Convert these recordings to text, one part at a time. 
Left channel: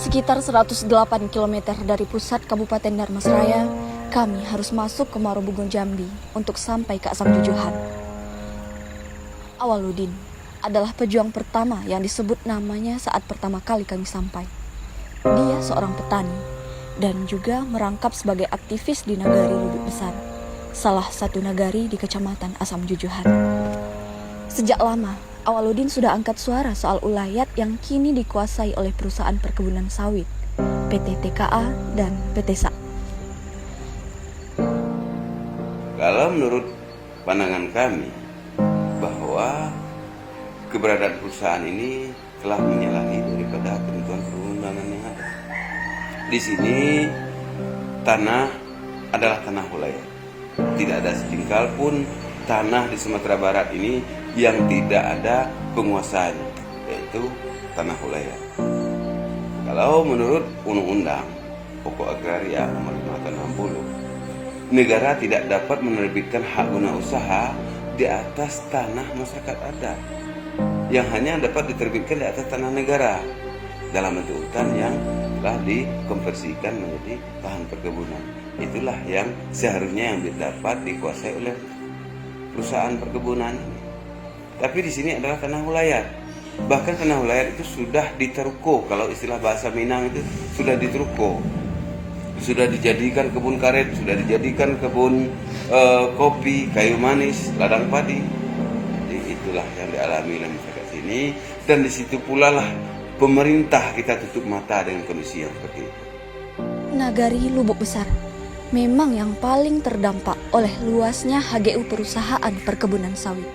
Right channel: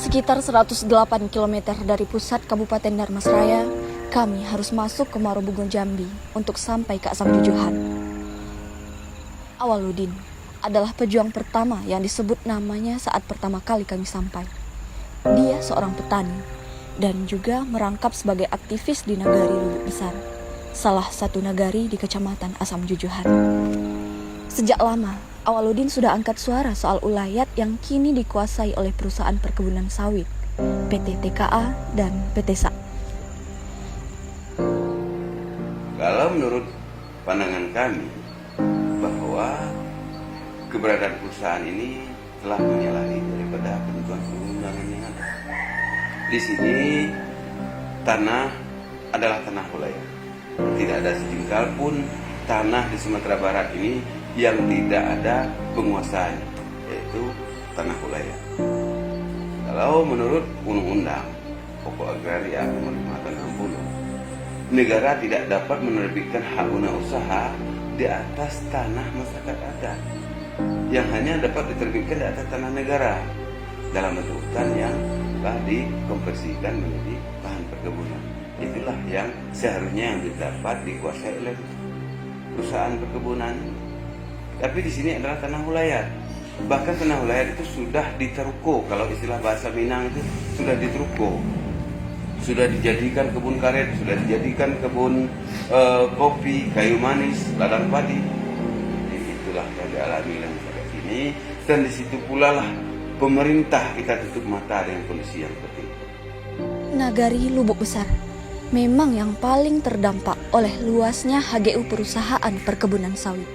Sekitar 108 km dari pusat Kabupaten Dharmasraya, kami harus masuk ke Marobugo Jambi untuk sampai ke Asam Jujuhan. Awaludin adalah pejuang pertama yang disebut namanya saat pertama kali kami sampai. Dia seorang petani dan juga merangkap sebagai aktivis di Nagari Lubuk Besar, salah satu nagari di Kecamatan Asam Jujuhan. Sejak lama, Awaludin sudah angkat suara soal ulayat yang kini dikuasai oleh perusahaan perkebunan sawit, PT TKA dan PT SA. Kalau menurut pandangan kami bahwa keberadaan perusahaan ini telah menyalahi daripada ketentuan perundangan yang ada. Di sini tanah adalah tanah wilayah. Tidak ada setingkal pun tanah di Sumatera Barat ini yang tidak ada penguasaan, yaitu tanah wilayah. Kalau menurut undang-undang pokok agraria nomor 60, negara tidak dapat menerbitkan hak guna usaha di atas tanah masyarakat adat, yang hanya dapat diterbitkan di atas tanah negara dalam bentuk hutan yang telah dikonversikan menjadi lahan perkebunan. Itulah yang seharusnya yang dapat dikuasai oleh perusahaan perkebunan. Tapi di sini adalah tanah wilayah. Bahkan tanah wilayah itu sudah diterko, kalau istilah bahasa Minang itu sudah diterko. Sudah dijadikan kebun karet, sudah dijadikan kebun kopi, kayu manis, ladang padi. Jadi itulah yang dialami oleh masyarakat sini, dan di situ pula lah pemerintah kita tutup mata dengan kondisi yang seperti itu. Nagari Lubuk Besar memang yang paling terdampak oleh luasnya HGU perusahaan perkebunan sawit.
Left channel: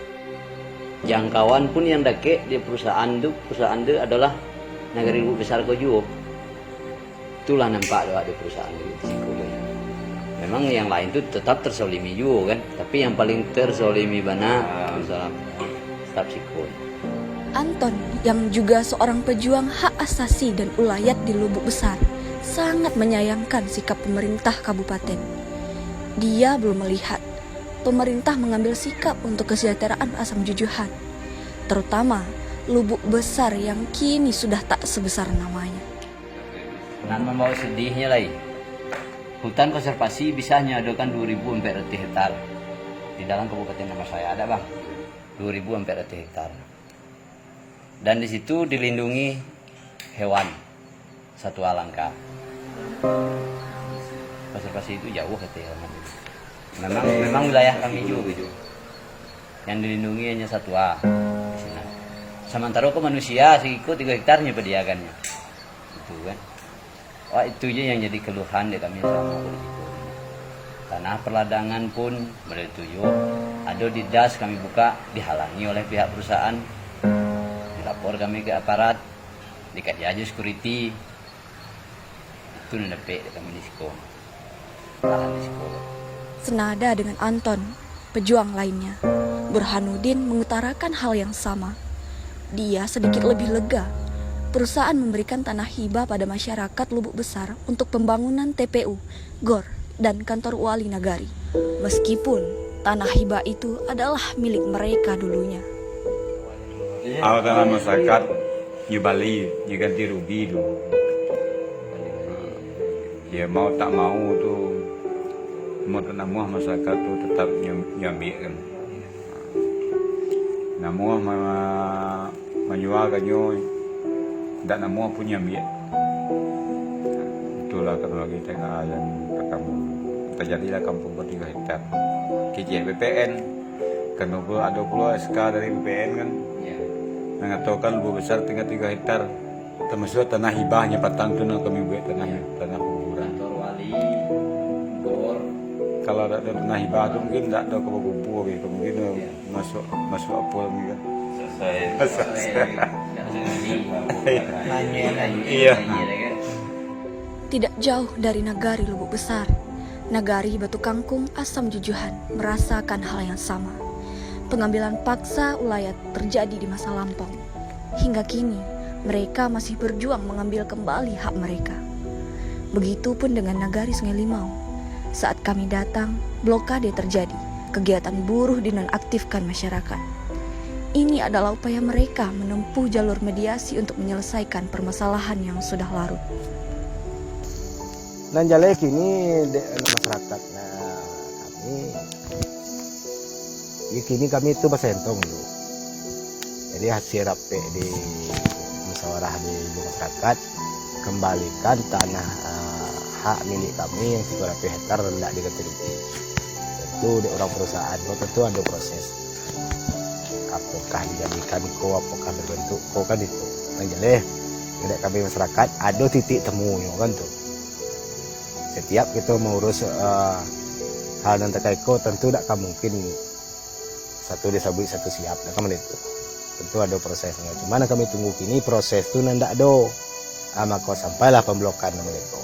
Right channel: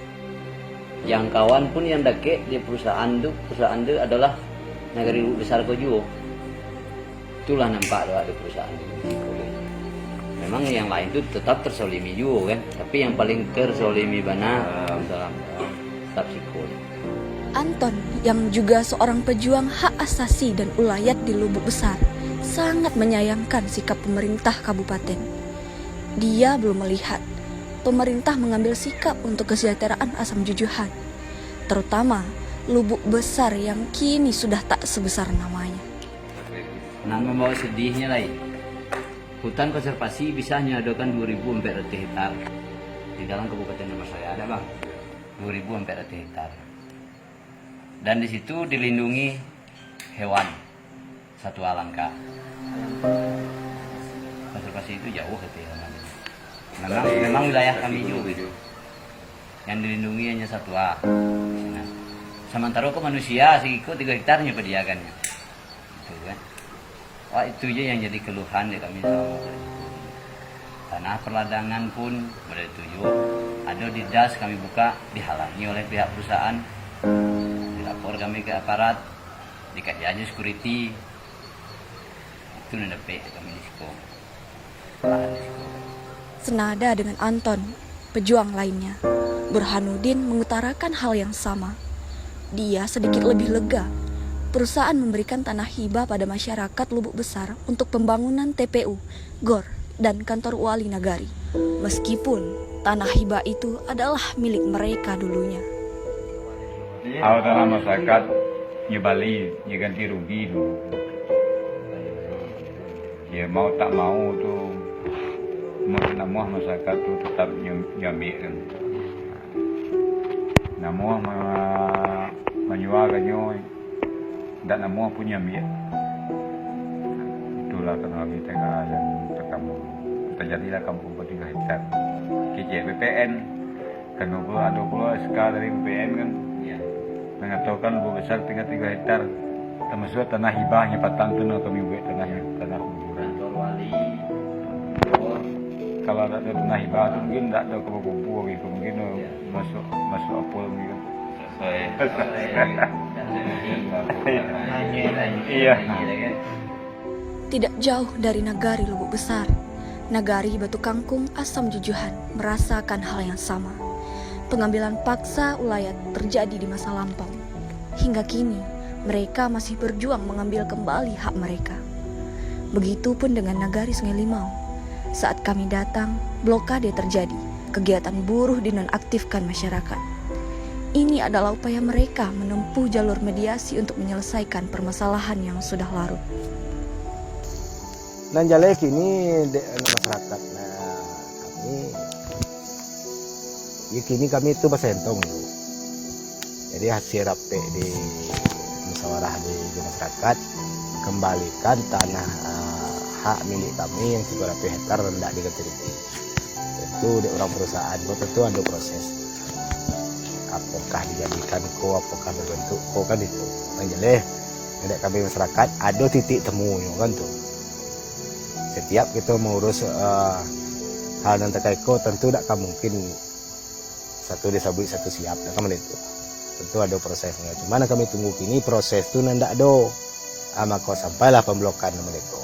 Jangkauan pun yang dake di perusahaan itu adalah Nagari Lubuk Besar Kejuo. Itulah nampak lewat di perusahaan itu. Memang yang lain itu tetap tersolimi juga kan, tapi yang paling tersolimi bana perusahaan Sapsikul. Anton yang juga seorang pejuang hak asasi dan ulayat di Lubuk Besar sangat menyayangkan sikap pemerintah kabupaten. Dia belum melihat pemerintah mengambil sikap untuk kesejahteraan Asam Jujuhan, terutama Lubuk Besar yang kini sudah tak sebesar namanya. Nah, membawa sedihnya lagi. Hutan konservasi bisa menyadarkan 2.400 hektar di dalam Kabupaten Dharmasraya ada bang, 2.400 hektar. Dan di situ dilindungi hewan satwa langka. Konservasi itu jauh katanya. Memang wilayah kami juga itu. Yang dilindungi hanya satwa di sini. Sementara ke manusia segitu 3 hektarnya kediakannya. Itu kan. Itu aja yang jadi keluhan di kami sama itu. Tanah perladangan pun bertujuh. Ada di das kami buka dihalangi oleh pihak perusahaan. Dilapor kami ke aparat, dikaji aja security. Itu nendepek kami di sekolah. Lahan di sekolah. Senada dengan Anton, pejuang lainnya, Burhanuddin mengutarakan hal yang sama. Dia sedikit lebih lega. Perusahaan memberikan tanah hibah pada masyarakat Lubuk Besar untuk pembangunan TPU, GOR, dan kantor wali nagari. Meskipun tanah hibah itu adalah milik mereka dulunya. Kalau tanah masyarakat di Bali diganti rugi dulu. Dia mau tak mau tuh nama masyarakat tuh tetap nyambikan. Namun menjualkannya dan nama punya biak. Itulah kenapa kita yang terjadilah kampung 3 hektar. KJ BPN karena ada pula SK dari BPN kan mengatakan Lubuk Besar tinggal 3 hektar termasuk tanah hibahnya patang tu nak kami buat tanah kuburan. Kalau ada tanah hibah tu mungkin tak ada kubur gitu, mungkin masuk apa mungkin. Iya. Tidak jauh dari Nagari Lubuk Besar, Nagari Batu Kangkung Asam Jujuhan merasakan hal yang sama. Pengambilan paksa ulayat terjadi di masa lampau. Hingga kini, mereka masih berjuang mengambil kembali hak mereka. Begitupun dengan Nagari Sungai Limau. Saat kami datang, blokade terjadi. Kegiatan buruh dinonaktifkan masyarakat. ini adalah upaya mereka menempuh jalur mediasi untuk menyelesaikan permasalahan yang sudah larut. Nan jale kini masyarakat kami ya kini kami itu basentong dulu. Jadi hasil rapi di musyawarah di masyarakat kembalikan tanah hak milik kami yang 300 hektar rendah diketerima. Tentu di orang perusahaan tentu ada proses. Apakah dijadikan apakah berbentuk kan itu. Nan jale tidak kami masyarakat ada titik temu kan tuh. Setiap kita mengurus hal yang terkait tentu tidak mungkin satu disabui satu siap, kan itu. Tentu ada prosesnya. Cuman kami tunggu kini proses itu nandak do. Maka sampailah pemblokan mereka.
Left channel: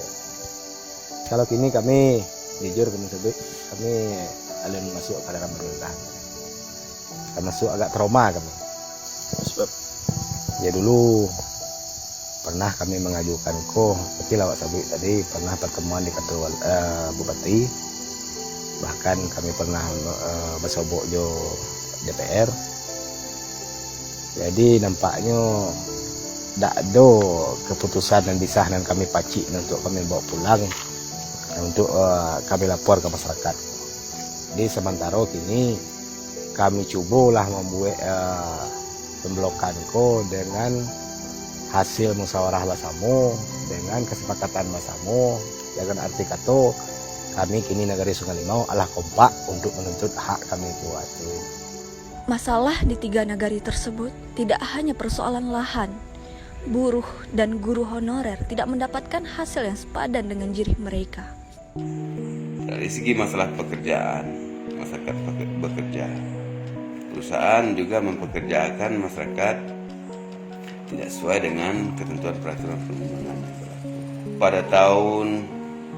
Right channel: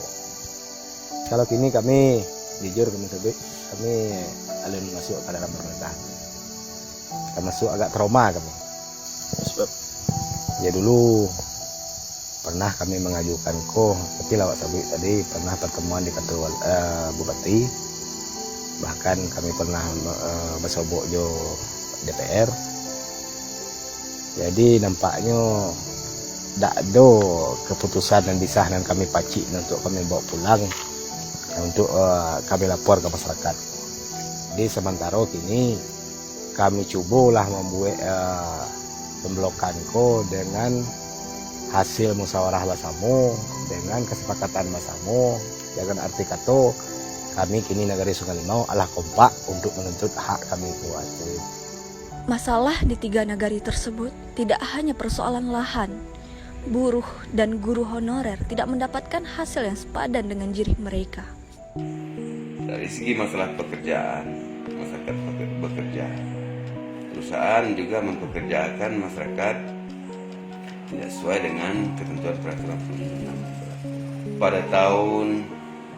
Kalau kini kami jujur kami alun masuk ke dalam pemerintahan. Kami masuk agak trauma kami. Sebab ya dulu pernah kami mengajukan seperti lawak sabit tadi pernah pertemuan di kantor bupati, bahkan kami pernah bersobok jo DPR. Jadi nampaknya tidak ada keputusan dan disah dan kami pacik untuk kami bawa pulang untuk kami lapor ke masyarakat. Jadi sementara kini kami cobalah membuat pemblokan dengan hasil musyawarah bersama dengan kesepakatan bersama dengan arti kata kami kini Nagari Sungai Limau adalah kompak untuk menuntut hak kami itu. Masalah di 3 nagari tersebut tidak hanya persoalan lahan. Buruh dan guru honorer tidak mendapatkan hasil yang sepadan dengan jirih mereka. Dari segi masalah pekerjaan, masyarakat bekerja, perusahaan juga mempekerjakan masyarakat tidak sesuai dengan ketentuan peraturan perundang-undangan. Pada tahun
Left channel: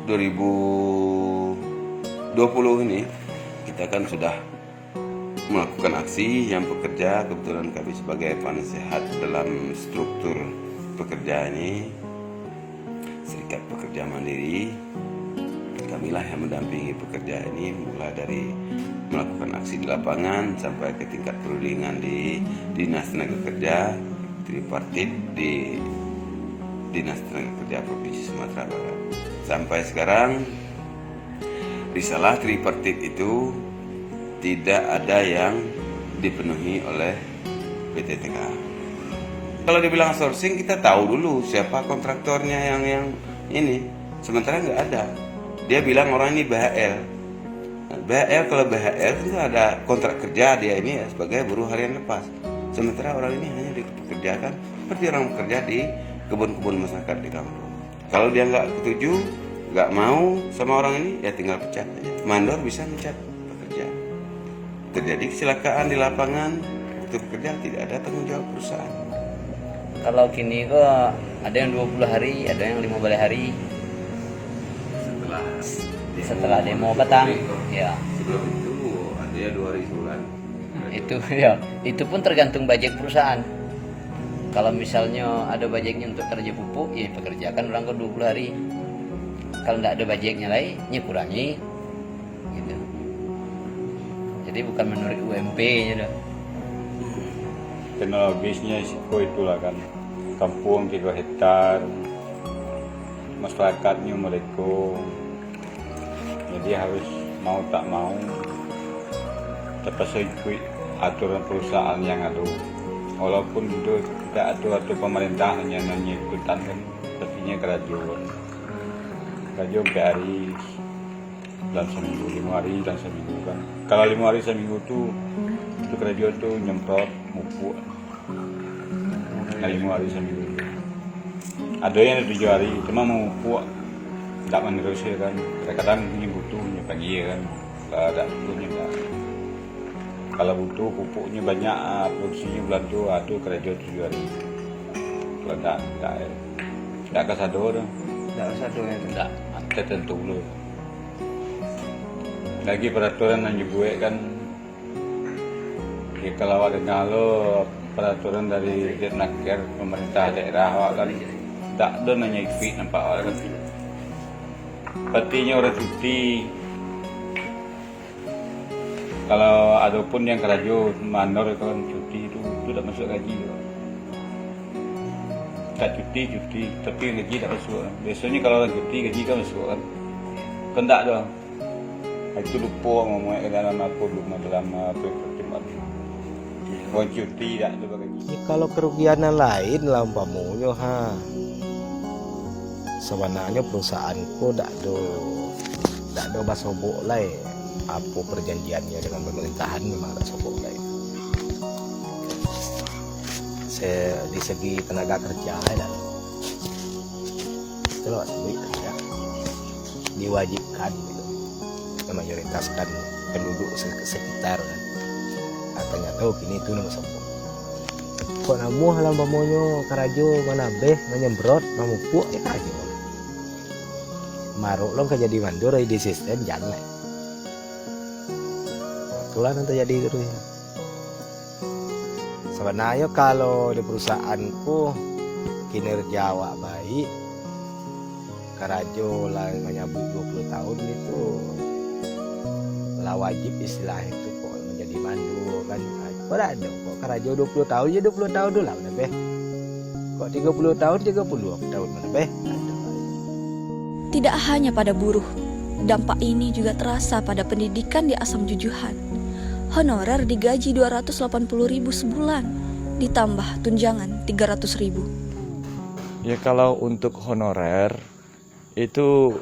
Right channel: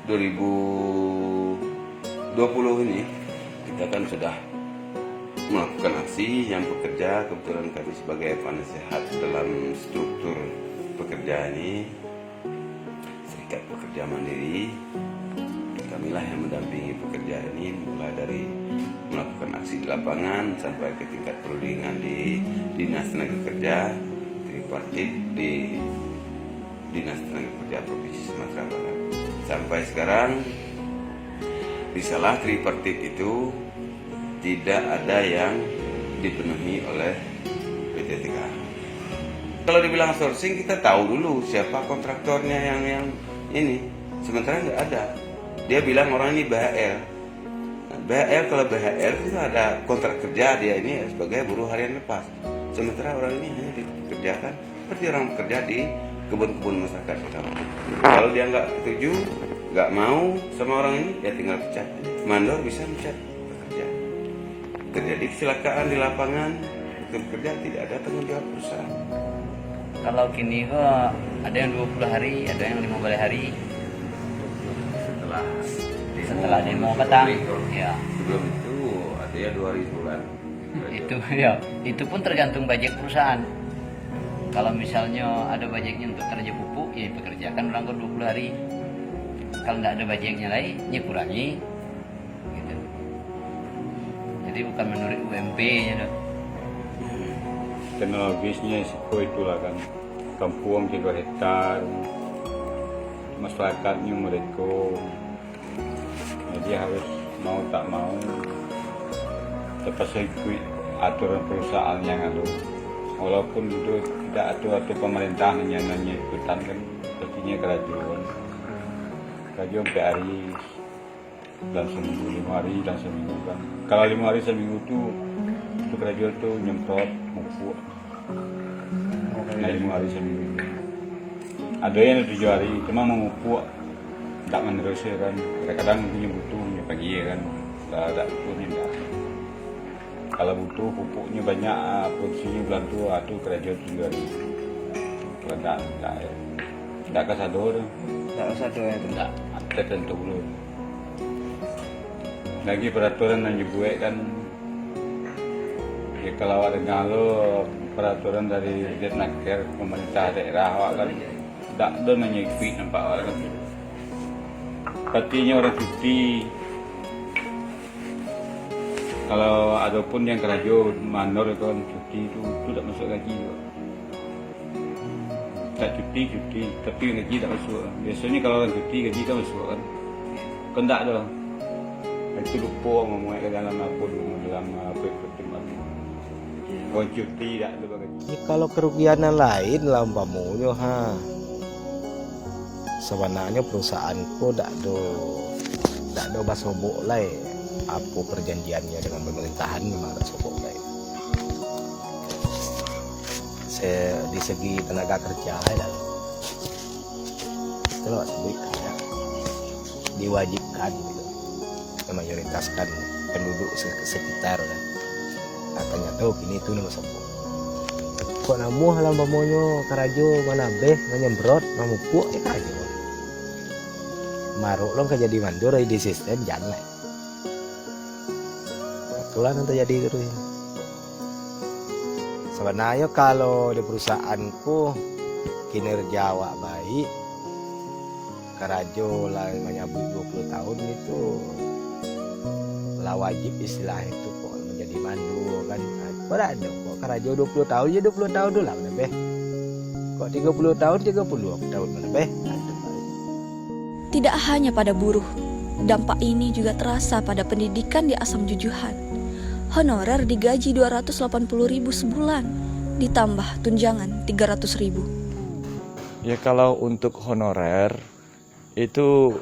2020 ini kita kan sudah melakukan aksi yang pekerja, kebetulan kami sebagai penasehat dalam struktur pekerja ini, Serikat Pekerja Mandiri, kamilah yang mendampingi pekerja ini mulai dari melakukan aksi di lapangan sampai ke tingkat perundingan di Dinas Tenaga Kerja tripartit di Dinas Tenaga Kerja Provinsi Sumatera Barat. Sampai sekarang risalah tripartit itu tidak ada yang dipenuhi oleh PT TKA. Kalau dibilang sourcing kita tahu dulu siapa kontraktornya yang ini. Sementara nggak ada. Dia bilang orang ini BHL. Nah, BHL kalau BHL itu ada kontrak kerja dia ini sebagai buruh harian lepas. Sementara orang ini hanya dipekerjakan seperti orang bekerja di kebun-kebun masyarakat di kampung. Kalau dia nggak setuju, nggak mau sama orang ini, ya tinggal pecat aja. Mandor bisa pecat pekerja. Terjadi kecelakaan di lapangan, itu bekerja tidak ada tanggung jawab perusahaan. Kalau kini kok ada yang 20 hari, ada yang 15 hari. Setelah demo petang, ya. Sebelum itu artinya 2 hari sebulan. Itu ya, itu pun tergantung budget perusahaan. Kalau misalnya ada budgetnya untuk kerja pupuk, ya pekerjakan ulang ke 20 hari. Kalau tidak ada budgetnya lagi, ya kurangi. Gitu. Jadi bukan menurut UMP ya. Karena habisnya siko itulah kan kampung 3 hektar, masyarakatnya mereka, jadi harus mau tak mau terpaksa ikut aturan perusahaan yang ada. Walaupun itu tidak ada pemerintah hanya ikutan kan, pastinya kerajaan garis dalam seminggu 5 hari dan seminggu kan. Kalau 5 hari seminggu itu kerajaan tuh nyemprot mupuk. Nah 5 hari seminggu. Ada yang 7 hari, cuma mau mupuk tidak meneruskan kan. Kadang-kadang punya butuh punya pagi kan. Kalau ada punya enggak. Kalau butuh pupuknya banyak, produksinya bulan tu, itu kerajaan 7 hari. Kalau enggak kesador. Tidak usah doa itu. Enggak, tertentu dulu. Lagi peraturan yang dibuat kan, ya kalau ada ngalo peraturan dari Ditnaker pemerintah daerah kan tidak ada nanya ikut nampak orang. Artinya orang cuti Kalau ada pun yang kerajo manor itu kan cuti itu tidak masuk gaji juga. Tak cuti, tapi gaji tak masuk. Biasanya kalau orang cuti gaji kan masuk kan. Kan tak ada. Itu lupa ngomong dalam aku dulu dalam pertemuan. Buat cuti tak juga gaji. Ya, kalau kerugian yang lain lah umpamunya sebenarnya perusahaanku tak ada basobok lah apa perjanjiannya dengan pemerintahan memang tak sobok lah. Di segi tenaga kerja lah itu loh sebenarnya diwajibkan gitu memayoritaskan penduduk sekitar kan. Katanya tahu kini itu nama sobok. Kok namu halam pamonyo karajo mana beh menyembrot mamupuk ya karajo. Maruk long jadi mandur di sistem jalan. Itulah nanti jadi terus. Sebenarnya kalau di perusahaanku kinerja awak baik, karajo lah menyambut 20 tahun itu lah wajib istilah itu kok menjadi mandu kan. Kok ada kok karajo 20 tahun ya 20 tahun dulu lah mana beh. Kok 30 tahun 30 tahun mana beh. Tidak hanya pada buruh, dampak ini juga terasa pada pendidikan di Asam Jujuhan. Honorer digaji 280.000 sebulan, ditambah tunjangan 300.000. Ya kalau untuk honorer itu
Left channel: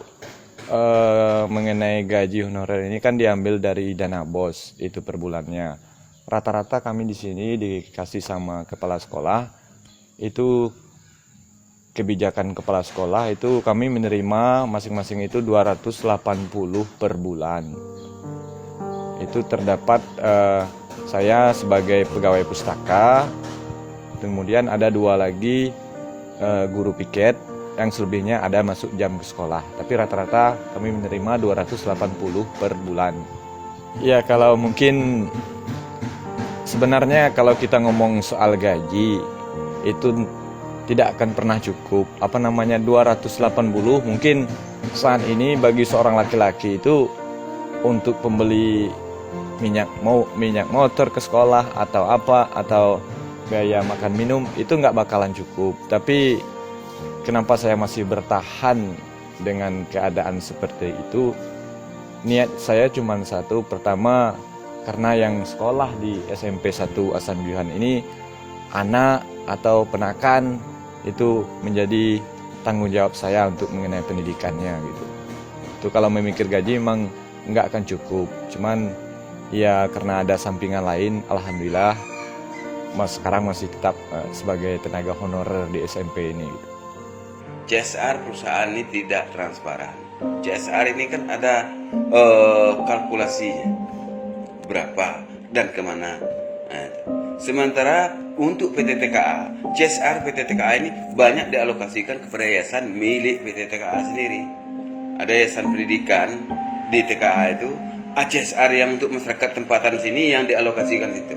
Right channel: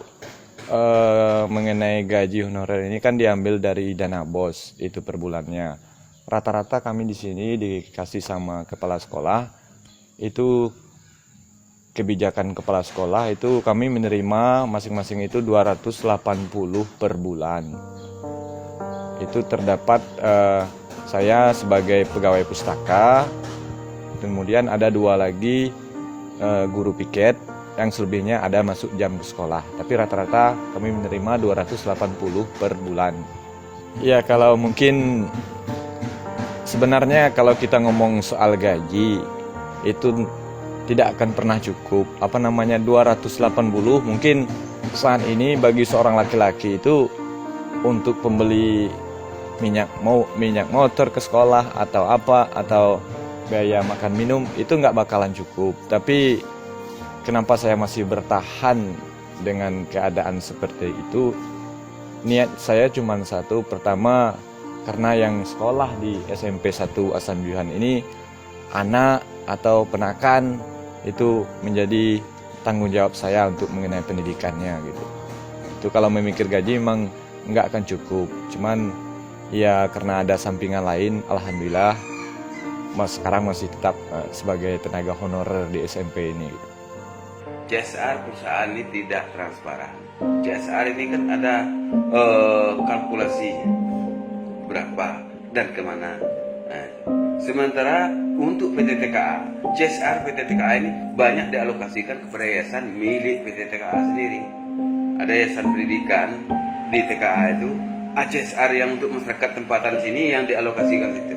mengenai gaji honorer ini kan diambil dari dana BOS itu per bulannya. Rata-rata kami di sini dikasih sama kepala sekolah itu kebijakan kepala sekolah itu kami menerima masing-masing itu 280 per bulan. Itu terdapat saya sebagai pegawai pustaka, kemudian ada 2 lagi guru piket, yang selebihnya ada masuk jam ke sekolah. Tapi rata-rata kami menerima 280 per bulan. Ya kalau mungkin sebenarnya kalau kita ngomong soal gaji itu tidak akan pernah cukup. 280 mungkin saat ini bagi seorang laki-laki itu untuk pembeli minyak motor ke sekolah atau apa atau biaya makan minum itu nggak bakalan cukup. Tapi kenapa saya masih bertahan dengan keadaan seperti itu? Niat saya cuma satu. Pertama, karena yang sekolah di SMP 1 Asam Jujuhan ini anak atau penakan itu menjadi tanggung jawab saya untuk mengenai pendidikannya gitu. Itu kalau memikir gaji memang nggak akan cukup. Cuman ya karena ada sampingan lain, alhamdulillah sekarang masih tetap sebagai tenaga honorer di SMP ini gitu. CSR perusahaan ini tidak transparan. CSR ini kan ada kalkulasinya berapa dan kemana. Nah, sementara untuk PT TKA, CSR PT TKA ini banyak dialokasikan kepada yayasan milik PT TKA sendiri. Ada yayasan pendidikan di TKA itu, CSR yang untuk masyarakat tempatan sini yang dialokasikan itu.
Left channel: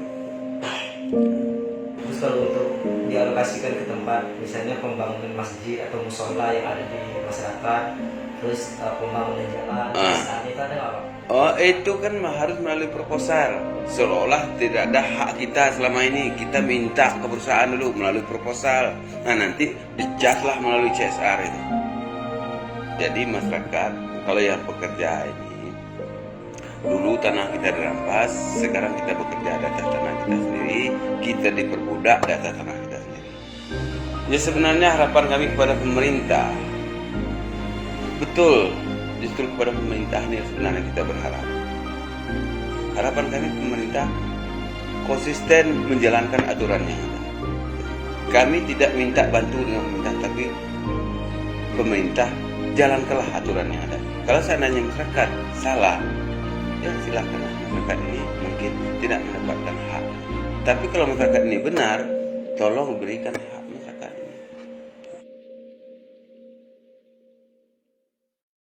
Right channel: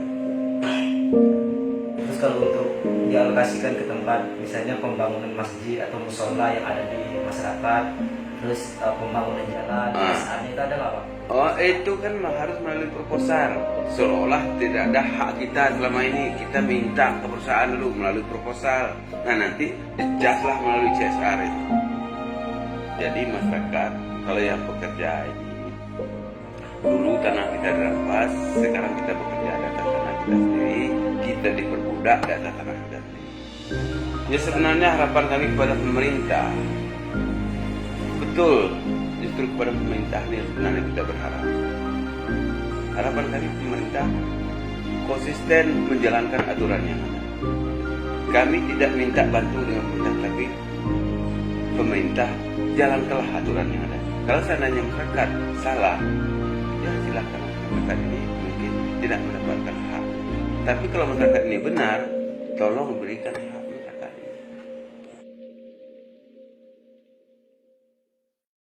Terus kalau untuk dialokasikan ke tempat, misalnya pembangunan masjid atau musola yang ada di masyarakat, terus pembangunan jalan, itu ada nggak Pak? Oh, itu kan harus melalui proposal. Seolah tidak ada hak kita selama ini. Kita minta ke perusahaan dulu melalui proposal. Nah, nanti dicatlah melalui CSR ini. Jadi masyarakat, kalau yang pekerja ini, dulu tanah kita dirampas, sekarang kita bekerja data tanah kita sendiri, kita diperbudak data tanah kita sendiri. Jadi sebenarnya harapan kami kepada pemerintah, betul, justru kepada pemerintah ini sebenarnya kita berharap. Harapan kami pemerintah konsisten menjalankan aturan yang ada. Kami tidak minta bantu dengan pemerintah, tapi pemerintah jalankanlah aturan yang ada. Kalau seandainya masyarakat salah, ya silakan masyarakat ini mungkin tidak mendapatkan hak. Tapi kalau masyarakat ini benar, tolong berikan hak.